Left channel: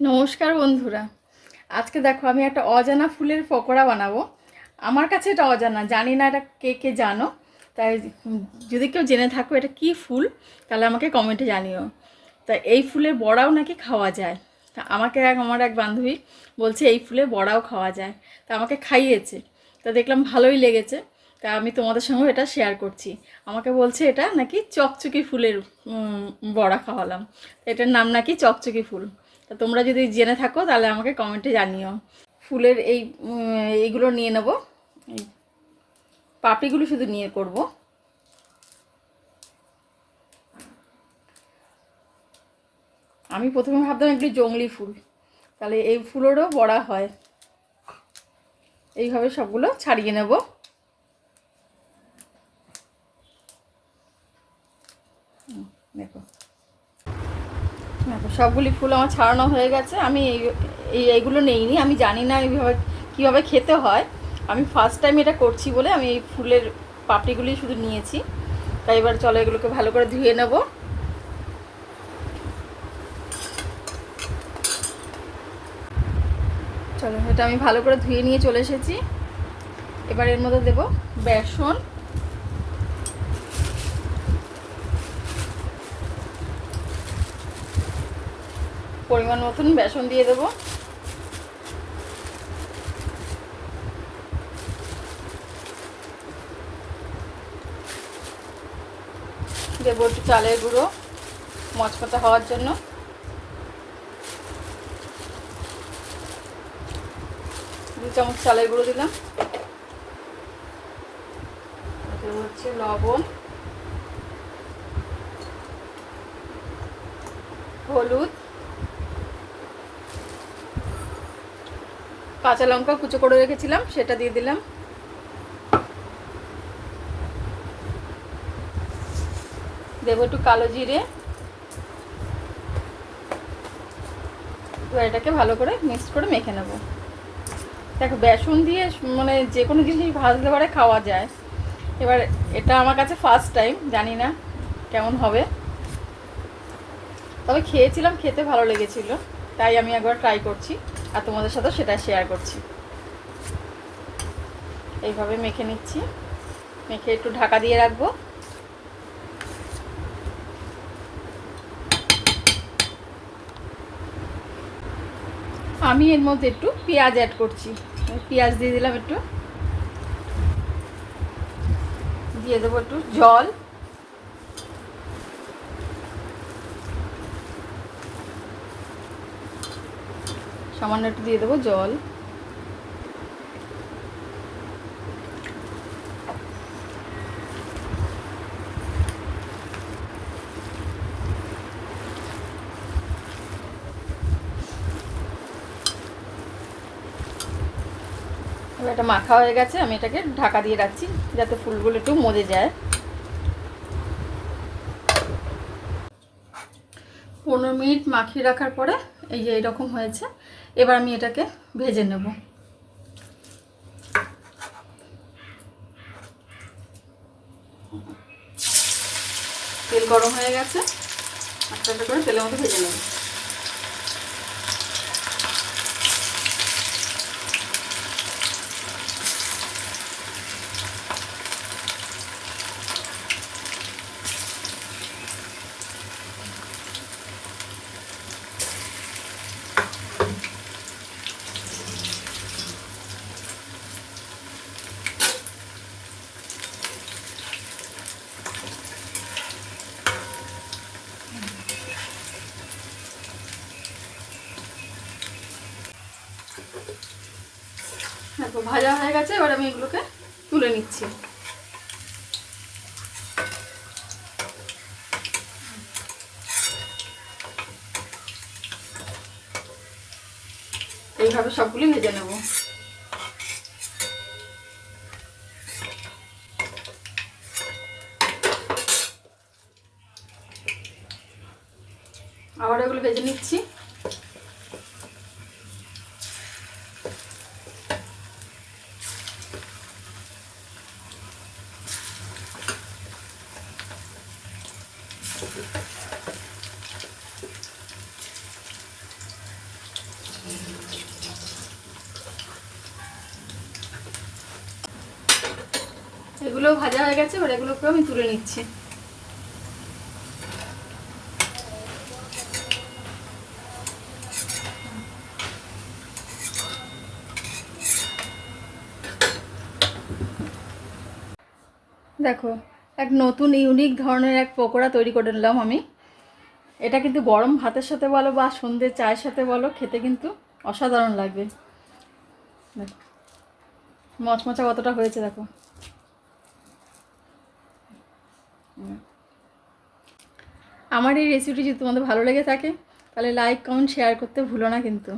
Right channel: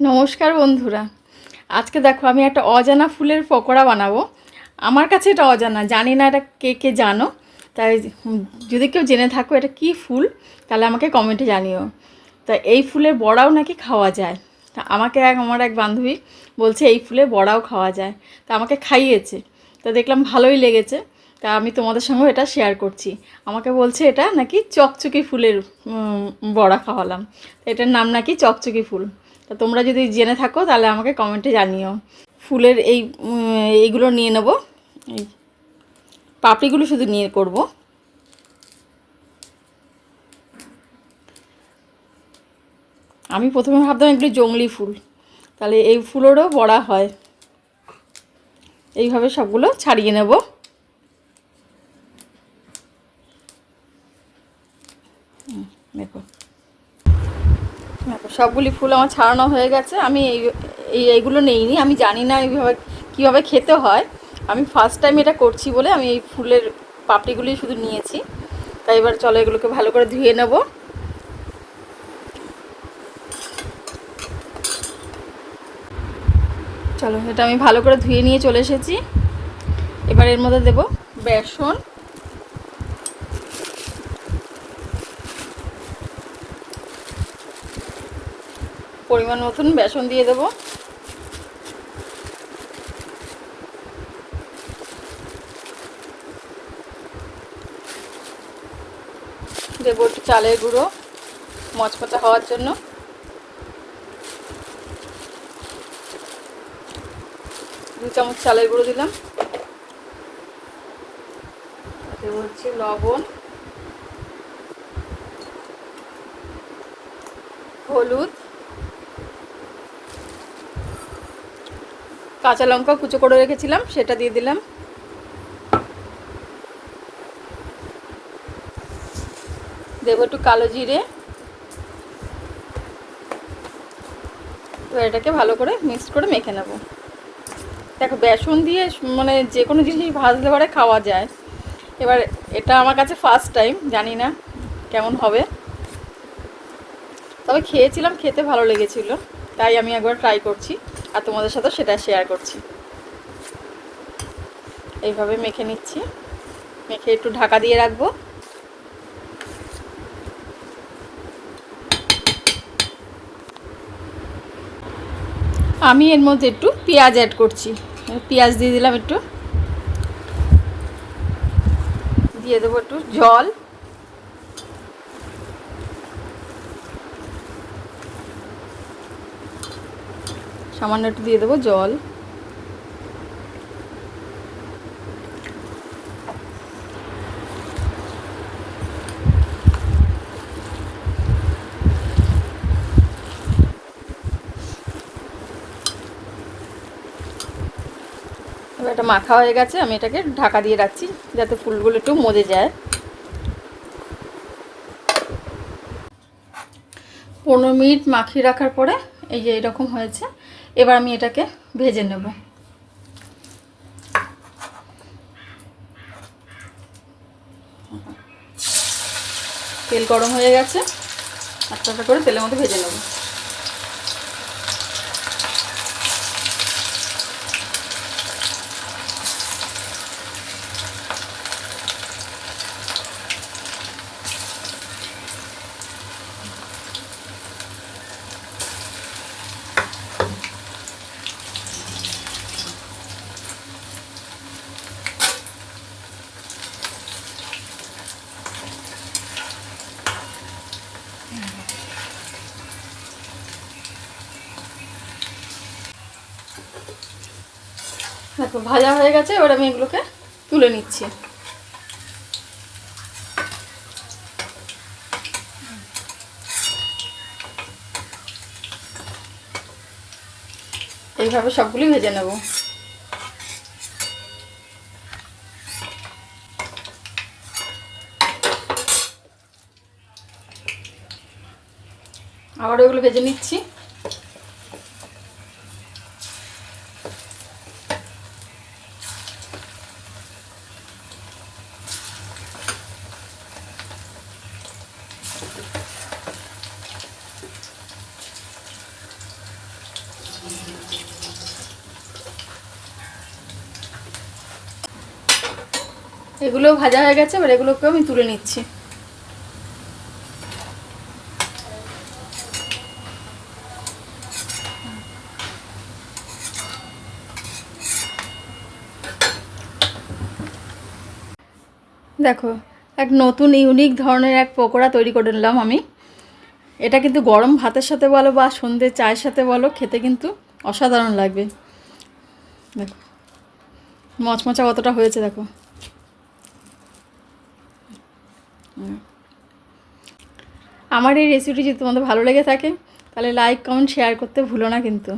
নমস্কার বন্ধুরা। আজকে দেখো, আমি একটা অজানা ফুলের পকোড়া বানাবো। আমার কাছে এটা অজানা, জানি না এটা কে কে জানো। তাই যদি কেউ জেনে থাকো এটা কি ফুল, তাহলে আমাকে কমেন্টে জানিও। তা এই ফুলের বড়াও নাকি খাওয়া যায়? তা আমাকে এক, আমার এক বান্ধবী বলছে, এই ফুলের বড়াও খাওয়া যায়। তা আমাকে খাইয়েছে। তো দেখলাম ভালোই লেগেছে। তা আমি তোমাদের সঙ্গে এটা শেয়ার করছি। আমাকে বলছে এটা নাকি চকচকি ফুলের বড়া খাওয়ালাম। এটার নাম নাকি চকচকি ফুল। তা তোমরা যদি জেনে থাকো, তাহলে আমাকে কমেন্টে জানিও। ফুলের এই এইগুলো নিয়ে নেব। এই পাপড়িগুলো শুধু নিয়ে করব। আমি প্রথমে ভাবতাম এগুলো জংলি ফুল। তাহলে এই ফুলেরও বড়া হয়। এইভাবে সবগুলো ছাড়িয়ে নেব। দেখো। সবগুলি ফুল আমার ছাড়ানো হয়ে গেছে। আমি এই এই এইগুলো নেইনি। আমি জানি না এইভাবে কীভাবে খেতে হয়। আমি ফার্স্ট টাইম এটা করছি বলে আমি এই ফুলের পাপড়িগুলি শুধু নিয়েছি। তাই এবার চলো এগুলোকে ভালো করে ধুয়ে নেব। চলো, এটা আমি ভালো করে ধুয়ে নিয়ে চলে এসেছি। এবার এর মধ্যে দেব বেসন। পরিমাণ মতন বেসন দিয়ে দেবো। দেবো একটু চালের গুঁড়ো মচমচা হওয়ার জন্য। দু চামচ চালের গুঁড়ো দিলাম। দেবো হচ্ছে লবণ, হলুদ কাঁচা লঙ্কা কুচো করে রেখেছিলাম, সেটা দিয়ে দিলাম। দেবো একটু কালো জিরে। এবার এটাকে ভালো করে মিক্স করে মেখে নেব। দেখো, বেসন দিয়ে মানে যে কোনো জিনিস ভাজলে পরে খাওয়া যায়। এবার এটা আমার কাছে ফার্স্ট টাইম জানি না কেমন হবে। তবে খেয়েছিলাম, খেতে ভালো লেগেছিল, তাই আমি একবার ট্রাই করছি। আর তোমাদের সাথে সেটা শেয়ার করছি। এইভাবে মেখে নিচ্ছি। মেখে একটু ঢাকা দিয়ে রাখব। আমি এর মধ্যে একটু পেঁয়াজ অ্যাড করছি। পেঁয়াজ দিয়ে দিলাম একটু। দিয়ে দেবো একটু জল। সামান্য একটু দিয়ে দেবো, জল। এটা মাখা হয়ে গেছে, আমি এটাকে ঢাকা দিয়ে রাখছি, যাতে ফুলগুলো একটু মজে যায়। পনেরো মিনিট মাখিয়ে রাখার পরে, এই যে এরকম হয়েছে এবার আমি এটাকে ভেজে নেব। তেল গরম হয়ে গেছে। একটা একটা করে তেলের মধ্যে ভেজে নেব। দেখো, ভাজা হয়ে গেছে, এবার আমি এগুলোকে তুলে নিচ্ছি। এইভাবে সবগুলি ভেজে নেব। আবার ওগুলো ভেজে নিচ্ছি। এগুলো ভাজা হয়ে গেছে, এবার এগুলোকেও আমি তুলে নিচ্ছি। দেখো, এক নতুন ইউনিক ধরনের এক পকোড়া তৈরি করে নিলাম আমি। এটা কিন্তু গরম ভাতের সাথে বলো বা সন্ধ্যে চায়ের সাথে বলো, খেতে কিন্তু অসাধারণ লাগবে। দেখো, মচমচা কতটা হয়েছে, দেখো। আমার এই রেসিপিটি যদি তোমাদের ভালো লেগে থাকে, তাহলে লাইক কমেন্ট শেয়ার করতে ভুলো না কিন্তু।